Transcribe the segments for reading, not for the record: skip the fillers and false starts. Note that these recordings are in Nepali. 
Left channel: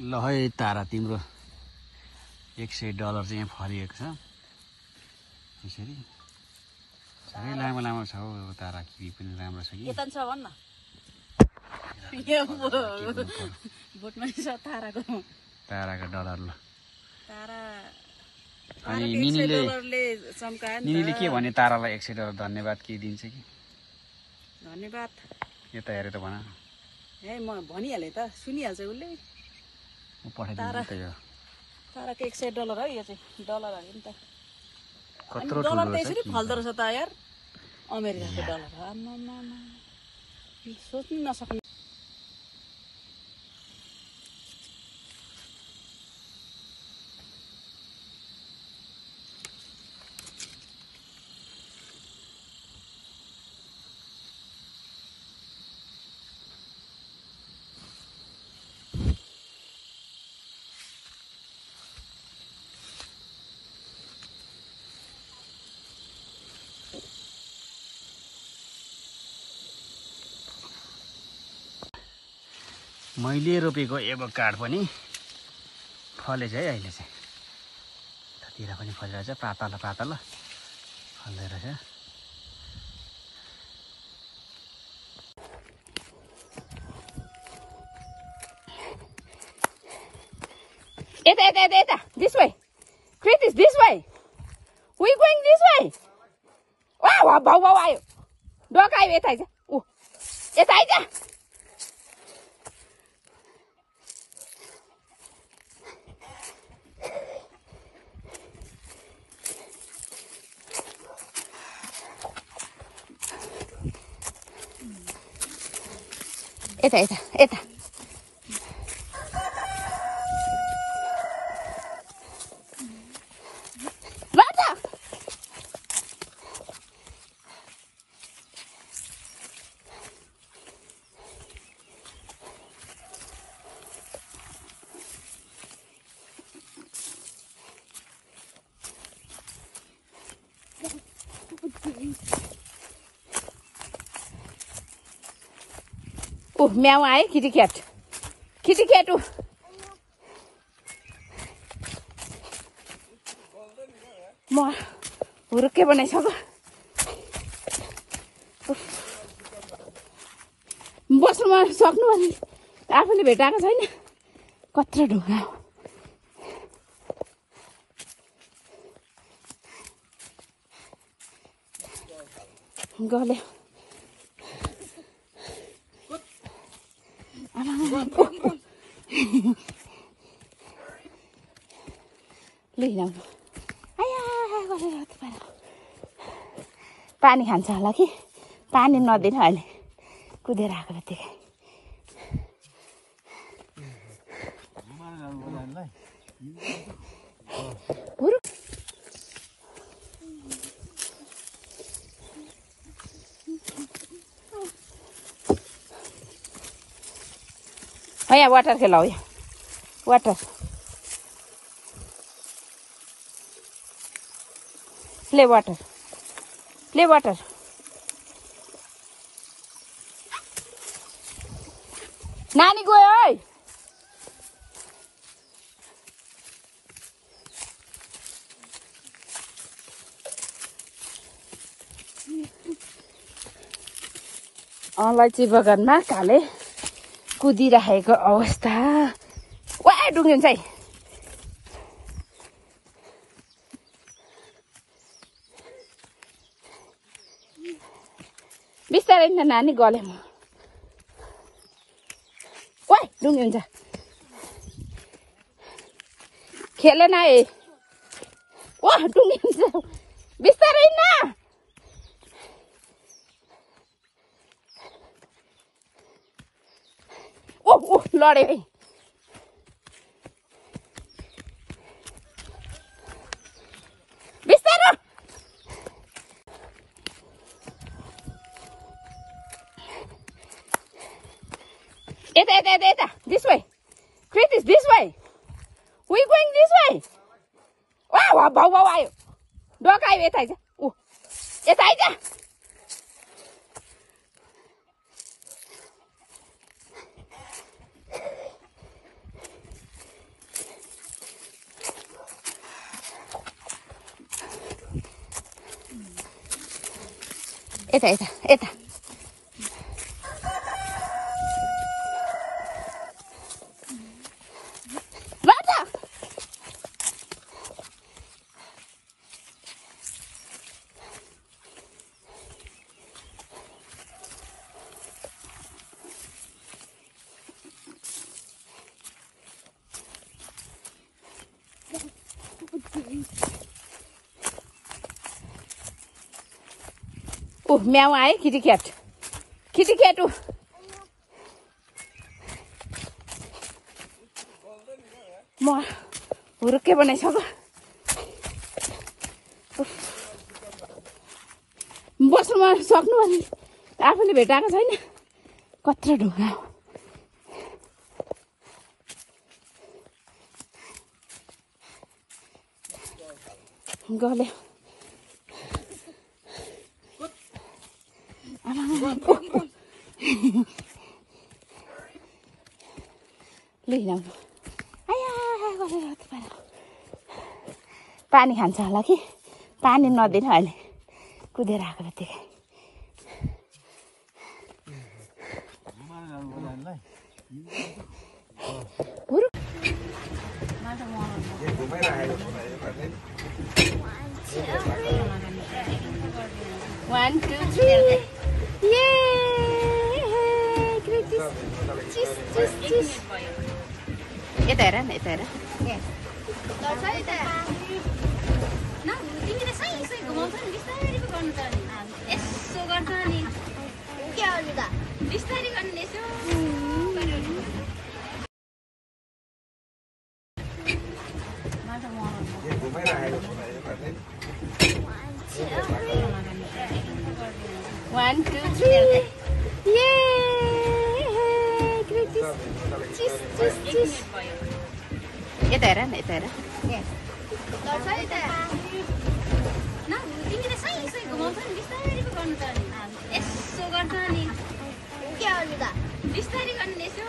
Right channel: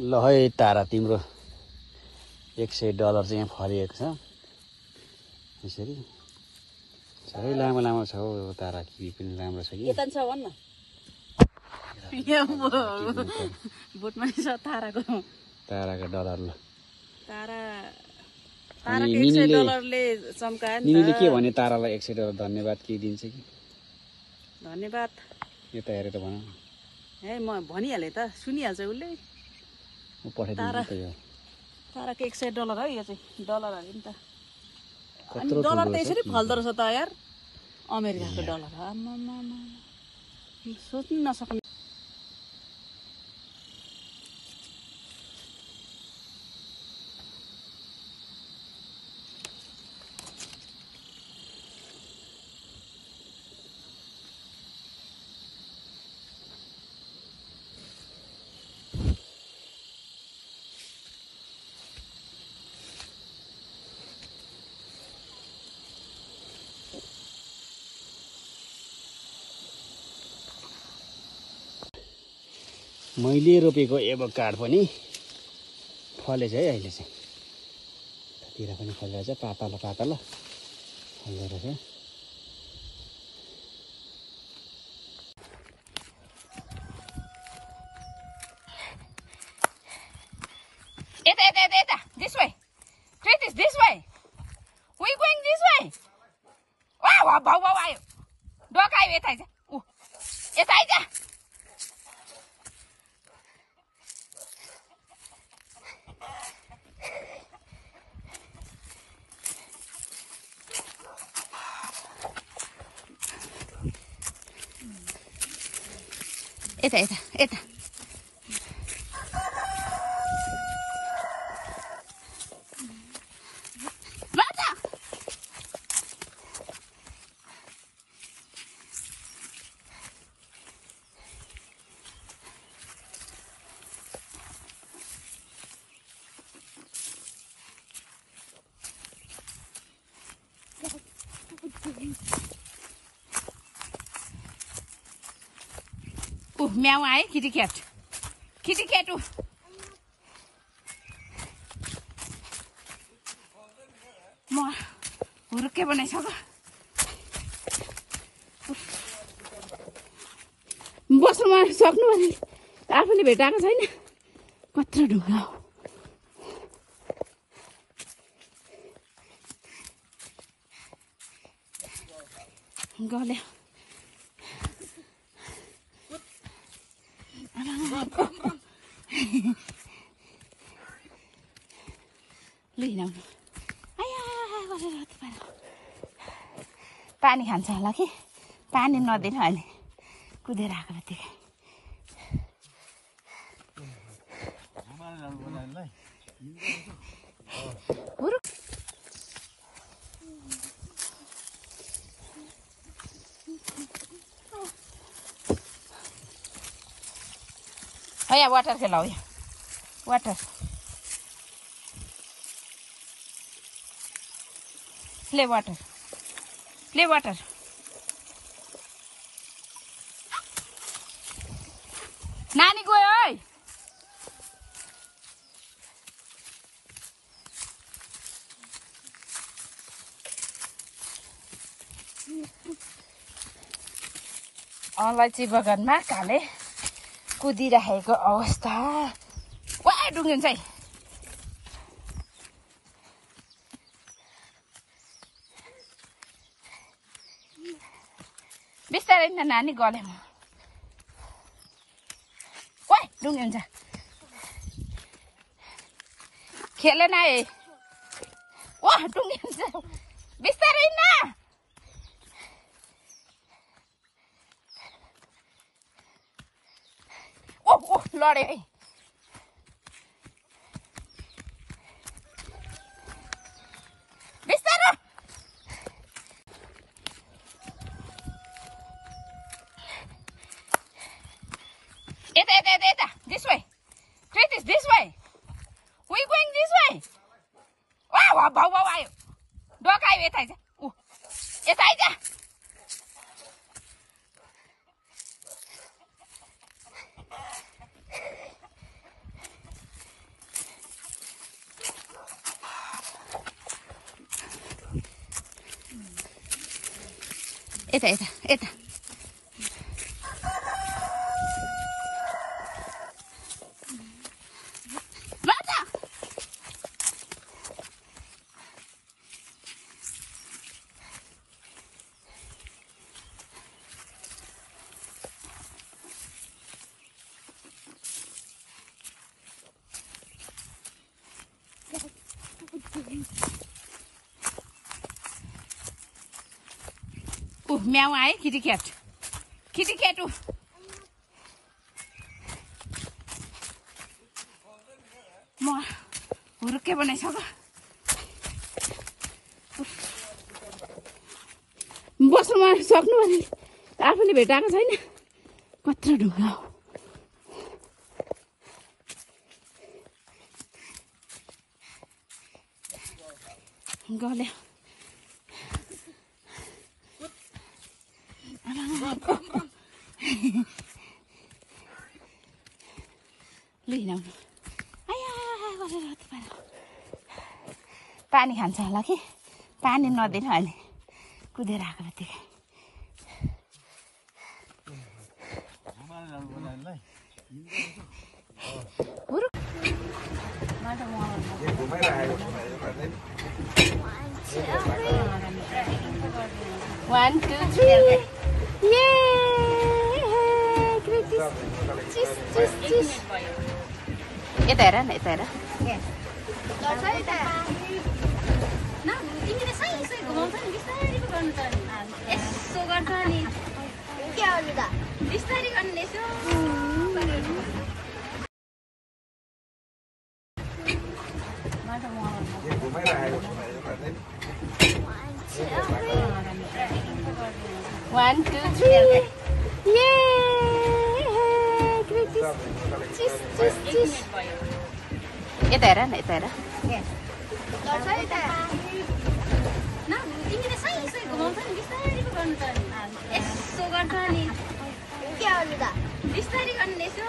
ल है तारा तिम्रो $100 चाहिँ यहाँ फरिएको छ यसरी साह्रै लामो लामो छ हौ तारा किवी पनि राम्रो छ कि के छ भन्न बुटमा छ ताराको डलर ल तारा अनि निनीले के भने तारालाई $100 धन्यवाद के दिन्छ कि धन्यवाद यता हेरेर भन ए म भनिहालेँ त सुनिहाल्छ उसले म पठाइदिन्छु त यो ताराको $100 है यो चाहिँ डलर हाल्यो नि त कत्रो ठुलो छ त्यसरी फल्दो रहेछ त यार अमेरिकाको डलर आम्मामा सोच्नु नसक्नु मैले रोपेको एभोकाडो पनि फलेछ है अहिले चाहिँ यतातिर पनि फलिरहेछ पातला पातला फल्दै रहेछ Eta, this way. Kritis, this way. We going this way. Wow. Dog I eta aja. Eta aja. Eta. Meow eye, kitty cat. More. Urke bane saba. बस्नुमा सक्नु भने आफूले भेटाएको छैन कत्रो ढुङ्गा गले लिनु पानी खान्छ होला कि पानी नदिनु अहिले कुदेर आएको त्यतिकै यहाँ वाटर खेलाऊ यहाँ वाटर प्ले वाटर नानी गयो है अलैँची बगानमा काले कुदिरहेको अवस्था वा डुङ्गिन्छ है बिस्तारै न नानी गले म वा डुङ्गिन्छ खेलेन है वा डुङ्गिन्छ बिस्तारै न लडे है बिस्तारो Eta, this way. Kritis, this way. We going this way. Wow. Dog I eta aja. Eta aja. यता यता यता म्याउ आए kitty cat म हुर्के बनाइसक्यो बस्नु सक्नु भने आफूले भेटाएको छैन कत्रो ढुङ्गा गल्यो लिइराउनु पानी खान्छ होला कि पानी नदिनु अहिले कुदेर आएको जतिकै One, 2, 3. यता हेर न यता हेर यसो गर्छ नि के अरू त बिस्तारै गर्ने यसो One, 2, 3. यता हेर न यता हेर तिमीले सही घुमाउँछ नि बिस्तारै पो गर्नु पर्ने यसो गर्छ नि के अरू त बिस्तारै गर्ने यसो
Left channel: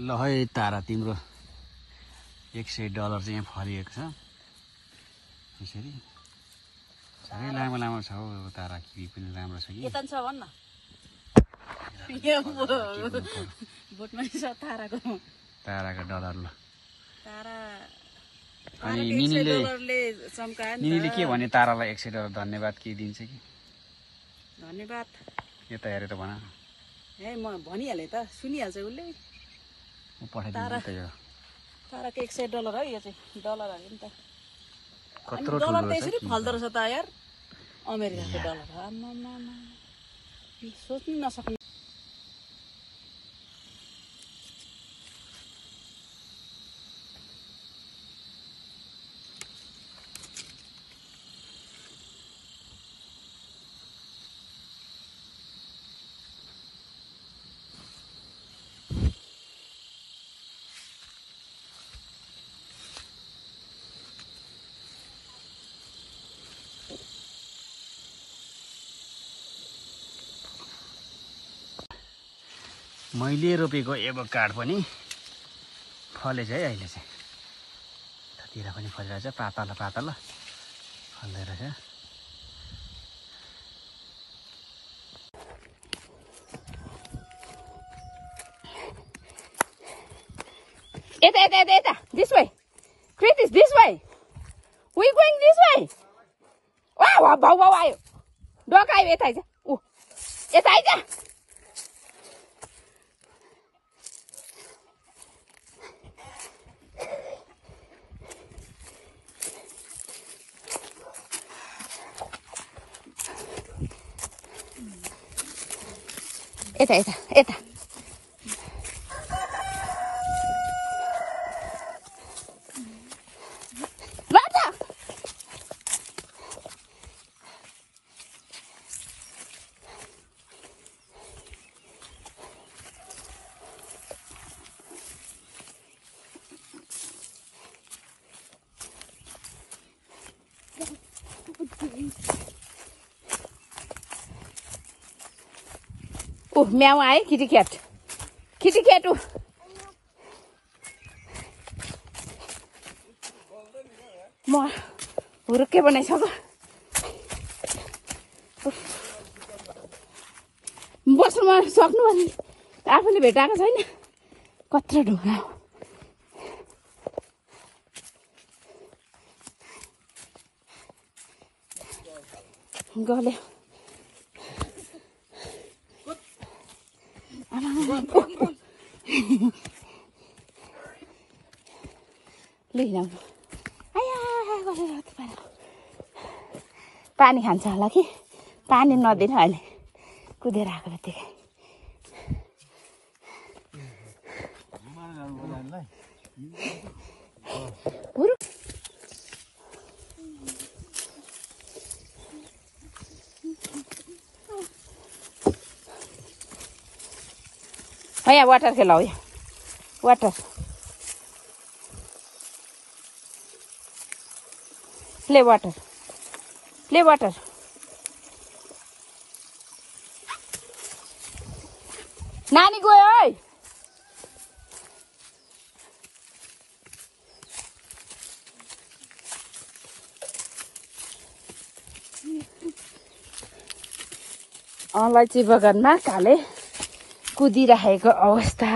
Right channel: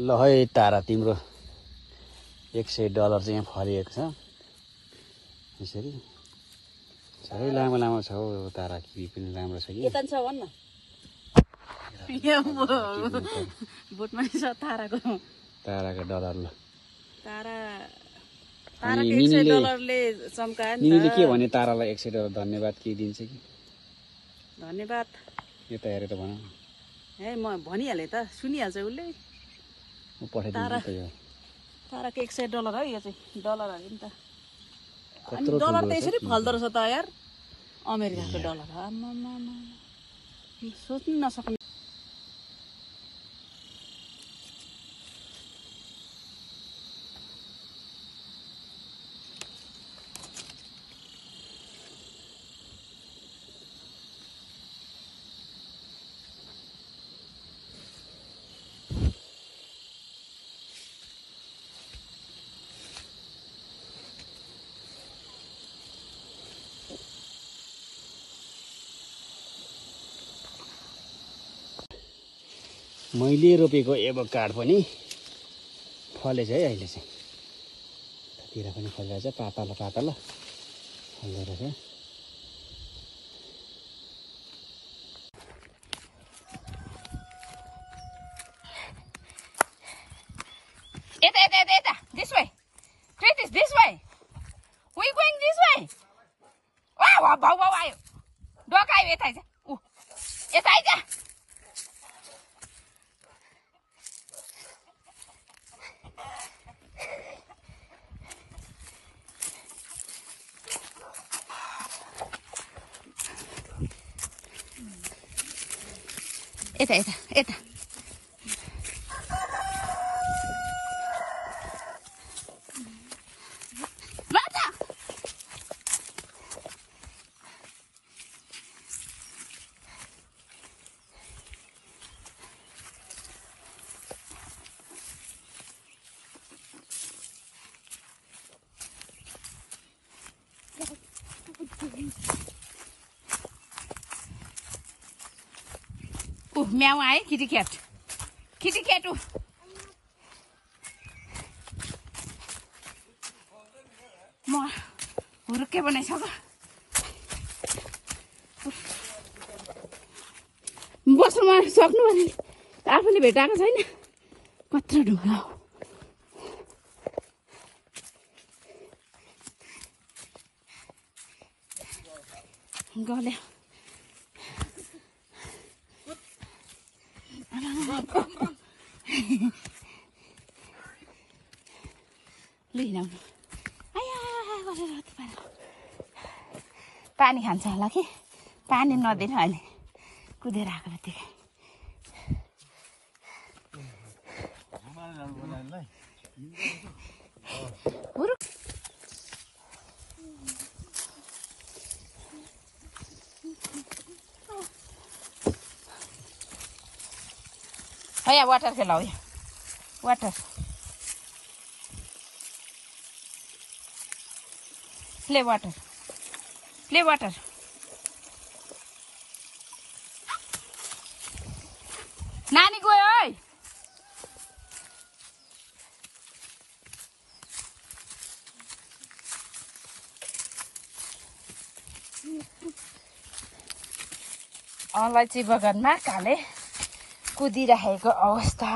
ल है तारा तिम्रो $100 चाहिँ यहाँ फरिएको छ यसरी साह्रै लामो लामो छ हौ तारा किवी पनि राम्रो छ कि यता छ भन्न बुटमा छ ताराको डलर ल तारा अनि निनीले के भने तारालाई $100 धन्यवाद के दिन्छ कि धन्यवाद यता हेरेर भन ए म भनिहालेँ त सुनिहाल्छ उसले म पठाइदिन्छु त यो ताराको $100 है यो चाहिँ डलर हाल्यो नि त कत्रो ठुलो छ फल्दो रहेछ त यार अमेरिकाको डलर सोच्नु नसक्नु मैले रोपेको एभोकाडो पनि फलेछ है अहिले चाहिँ यतातिर पनि फलिरहेछ पातलो पातलो फल्दै रहेछ यता यता यता यता this way Kritis this way we going this way वा भाउ भाउ आयो डक आयो यता आइज ऊ यता आइज यता यता यता म्याउ आए किटिक्याट किटिक्याट म हुरुक्कै बनाइछ त बस्नुमा सक्नु भने आफूले भेटाएको छैन कत्रो ढुङ्गा गल्यो लिइलाउनु पानी खान्छ होला कि पानी नदिन अहिले कुदेर आएको त्यतिकै यहाँ वाटर खेलाऊ यहाँ वाटर प्ले वाटर नानी गयो है अलैँची बगानमा काले कुदिरहेको अवस्था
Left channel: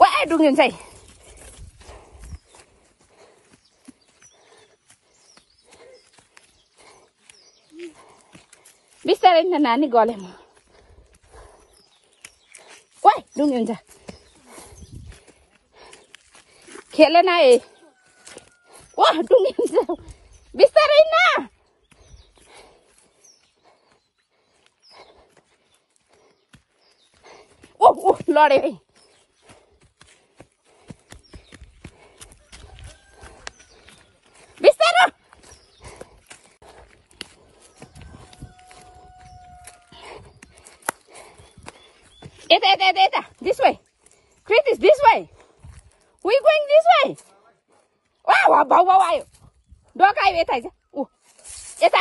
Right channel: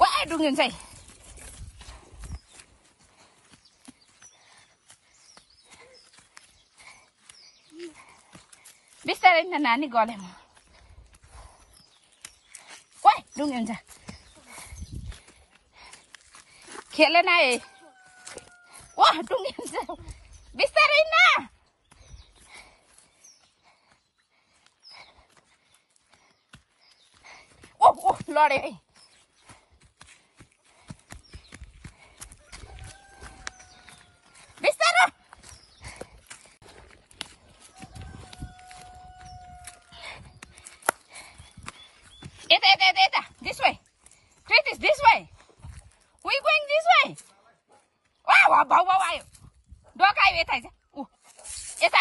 वा डुङ्गिन्छ है बिस्तारै न नानी गले म वा डुङ्गिन्छ खेलेन है वा डुङ्गिन्छ बिस्तारै न ओ लडे है बिस्तारो Eta. This way. Kritis, this way. We going this way. Wow. Dog ayo eta aja. Eta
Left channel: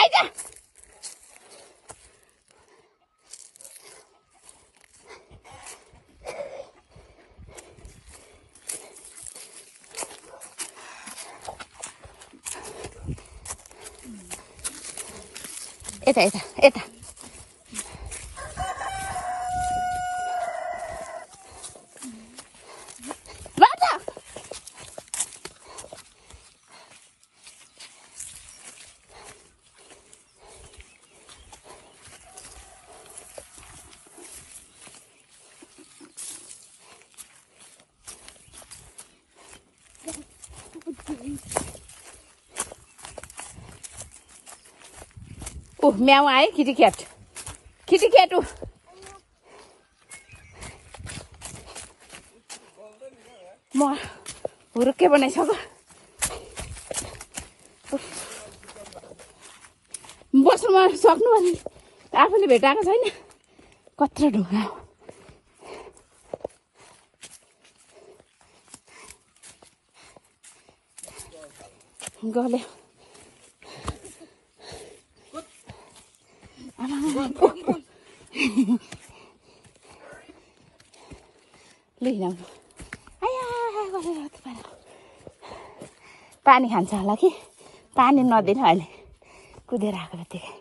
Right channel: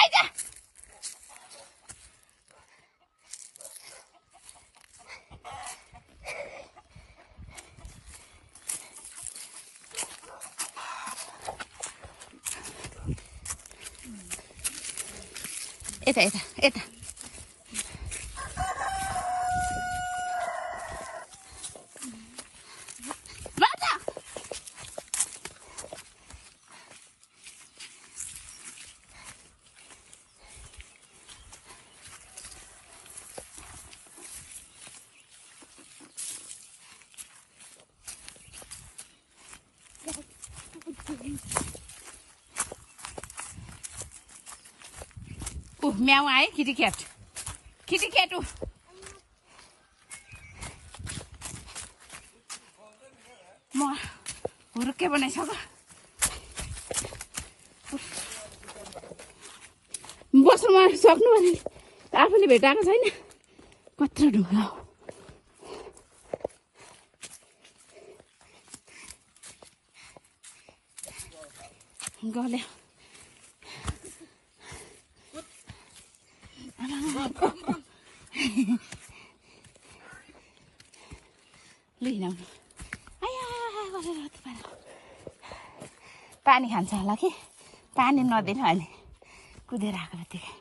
aja. Eta. म्याउ आए किटिक्याट म हुरुक्कै बनाइछ त बस्नुमा सक्नु भने आफूले भेटाएको छैन कत्रो ढुङ्गा गल्यो लिइलाउनु पानी खान्छ होला कि पानी नदिन अहिले कुदेर आएको त्यतिकै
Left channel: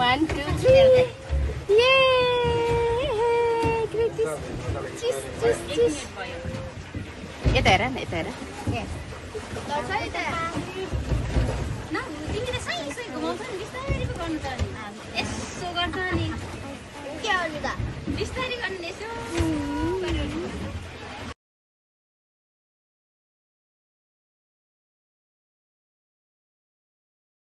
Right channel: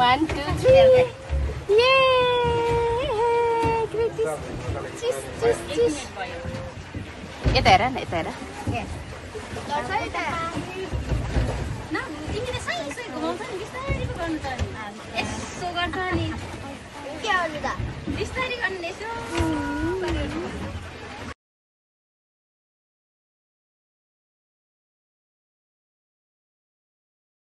One, two, three. Yay! Yata.